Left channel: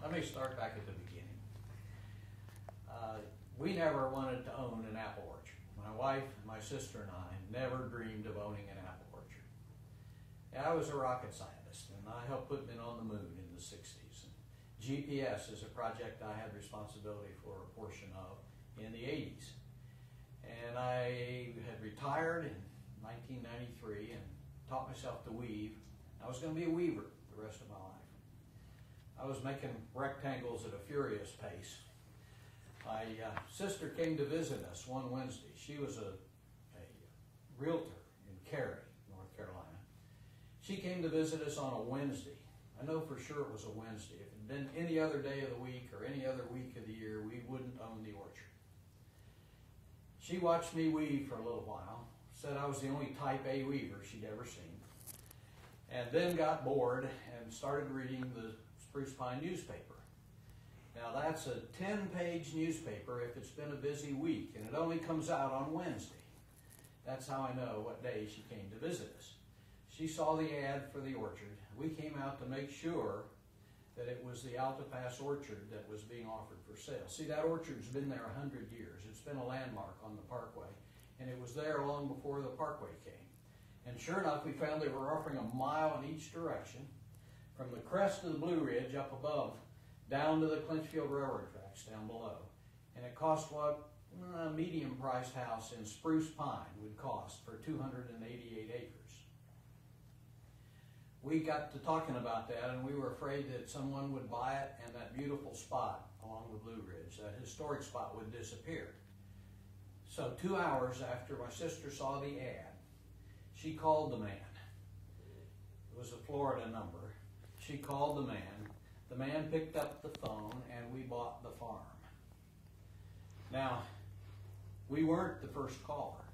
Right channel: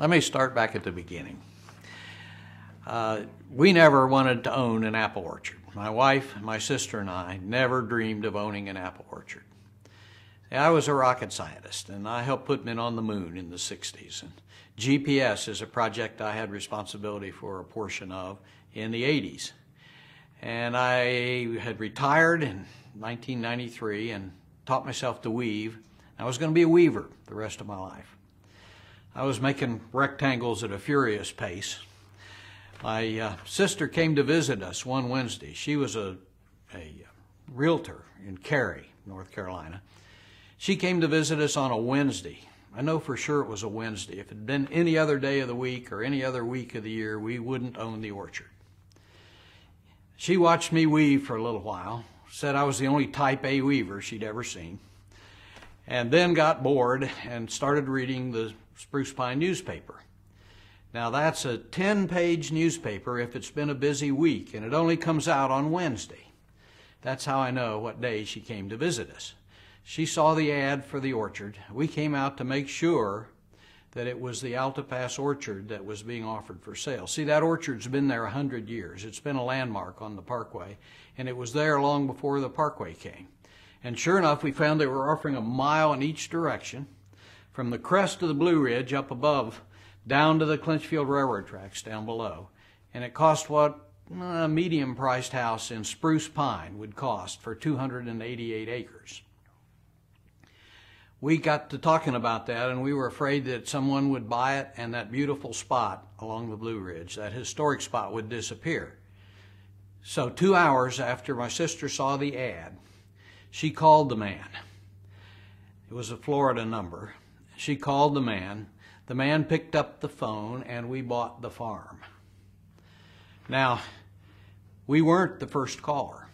Let me start back at the beginning. We never wanted to own an apple orchard. My wife, my sister, and I never dreamed of owning an apple orchard. I was a rocket scientist, and I helped put men on the moon in the 60s. And GPS is a project I had responsibility for a portion of in the 80s. And I had retired in 1993 and taught myself to weave. I was going to be a weaver the rest of my life. I was making rectangles at a furious pace. My sister came to visit us one Wednesday. She was a realtor in Cary, North Carolina. She came to visit us on a Wednesday. I know for sure it was a Wednesday. If it had been any other day of the week or any other week of the year, we wouldn't own the orchard. She watched me weave for a little while, said I was the only type A weaver she'd ever seen, and then got bored and started reading the Spruce Pine newspaper. Now that's a 10-page newspaper if it's been a busy week, and it only comes out on Wednesday. That's how I know what day she came to visit us. She saw the ad for the orchard. We came out to make sure that it was the Altapass orchard that was being offered for sale. See, that orchard's been there 100 years. It's been a landmark on the parkway, and it was there long before the parkway came. And sure enough, we found they were offering a mile in each direction, from the crest of the Blue Ridge up above down to the Clinchfield Railroad tracks down below. And it cost what a medium-priced house in Spruce Pine would cost for 288 acres. We got to talking about that, and we were afraid that someone would buy it and that beautiful spot along the Blue Ridge, that historic spot, would disappear. So 2 hours after my sister saw the ad, she called the man. It was a Florida number. She called the man. The man picked up the phone, and we bought the farm. Now, we weren't the first caller.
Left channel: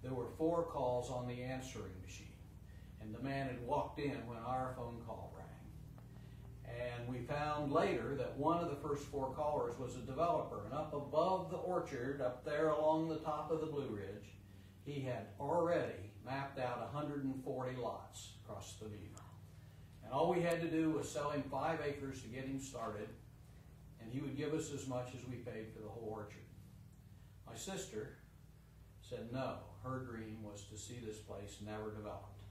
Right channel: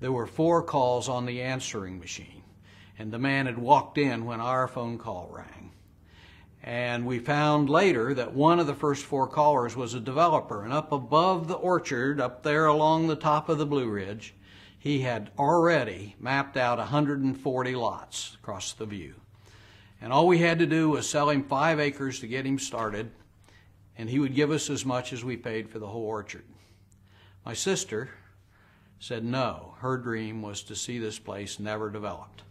There were 4 calls on the answering machine. And the man had walked in when our phone call rang. And we found later that one of the first 4 callers was a developer. And up above the orchard, up there along the top of the Blue Ridge, he had already mapped out 140 lots across the view. And all we had to do was sell him 5 acres to get him started, and he would give us as much as we paid for the whole orchard. My sister said no. Her dream was to see this place never developed.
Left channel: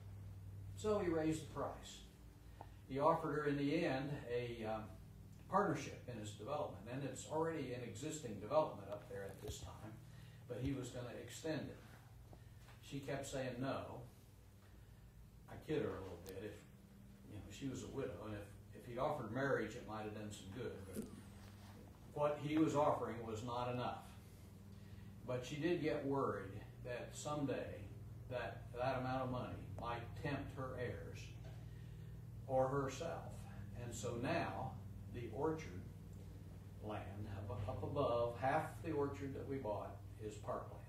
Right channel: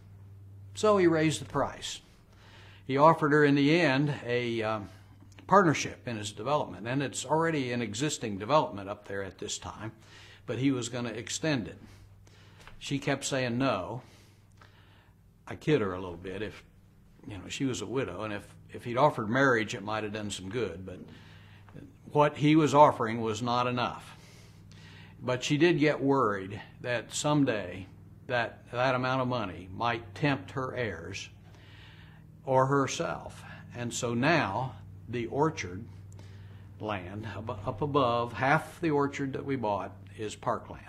So he raised the price. He offered her in the end a partnership in his development, and it's already an existing development up there at this time, but he was going to extend it. She kept saying no. I kid her a little bit. If she was a widow, and if he'd offered marriage, it might have done some good, but what he was offering was not enough. But she did get worried that someday that amount of money might tempt her heirs or herself. And so now the orchard land up above, half the orchard that we bought is parkland.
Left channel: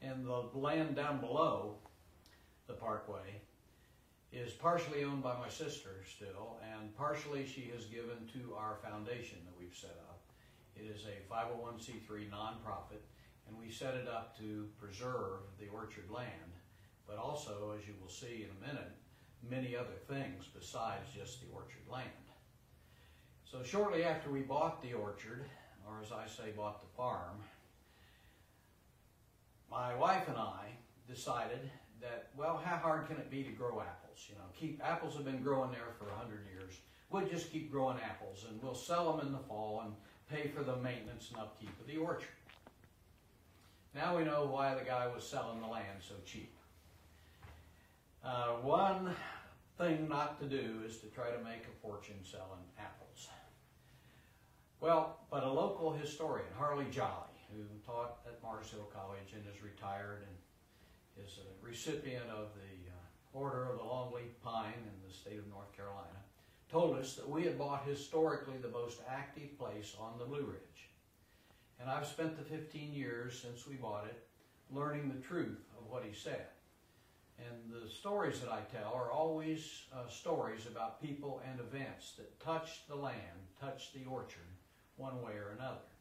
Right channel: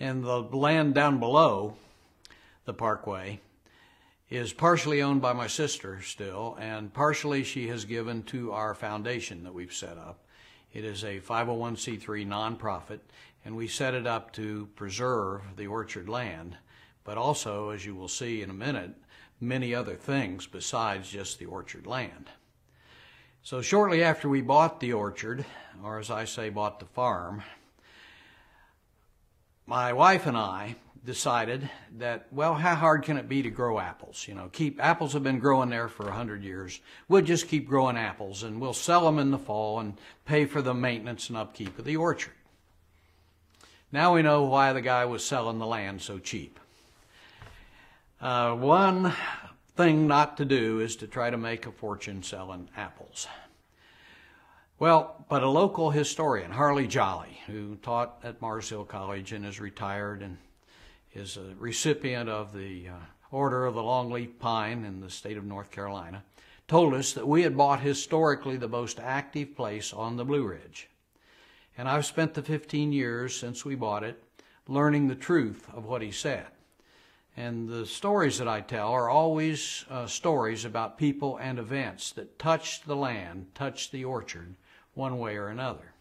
And the land down below the parkway is partially owned by my sister still, and partially she has given to our foundation that we've set up. It is a 501c3 nonprofit, and we set it up to preserve the orchard land, but also, as you will see in a minute, many other things besides just the orchard land. So shortly after we bought the orchard, or as I say, bought the farm, my wife and I decided that, well, how hard can it be to grow apples? Apples have been growing there for 100 years. We'll just keep growing apples, and we'll sell them in the fall and pay for the maintenance and upkeep of the orchard. Now we know why the guy was selling the land so cheap. One thing not to do is to try to make a fortune selling apples. Well, but a local historian, Harley Jolly, who taught at Mars Hill College and is retired and is a recipient of the Order of the Longleaf Pine in the state of North Carolina, told us that we had bought historically the most active place on the Blue Ridge. And I've spent the 15 years since we bought it learning the truth of what he said. And the stories that I tell are always stories about people and events that touched the land, touched the orchard, one way or another.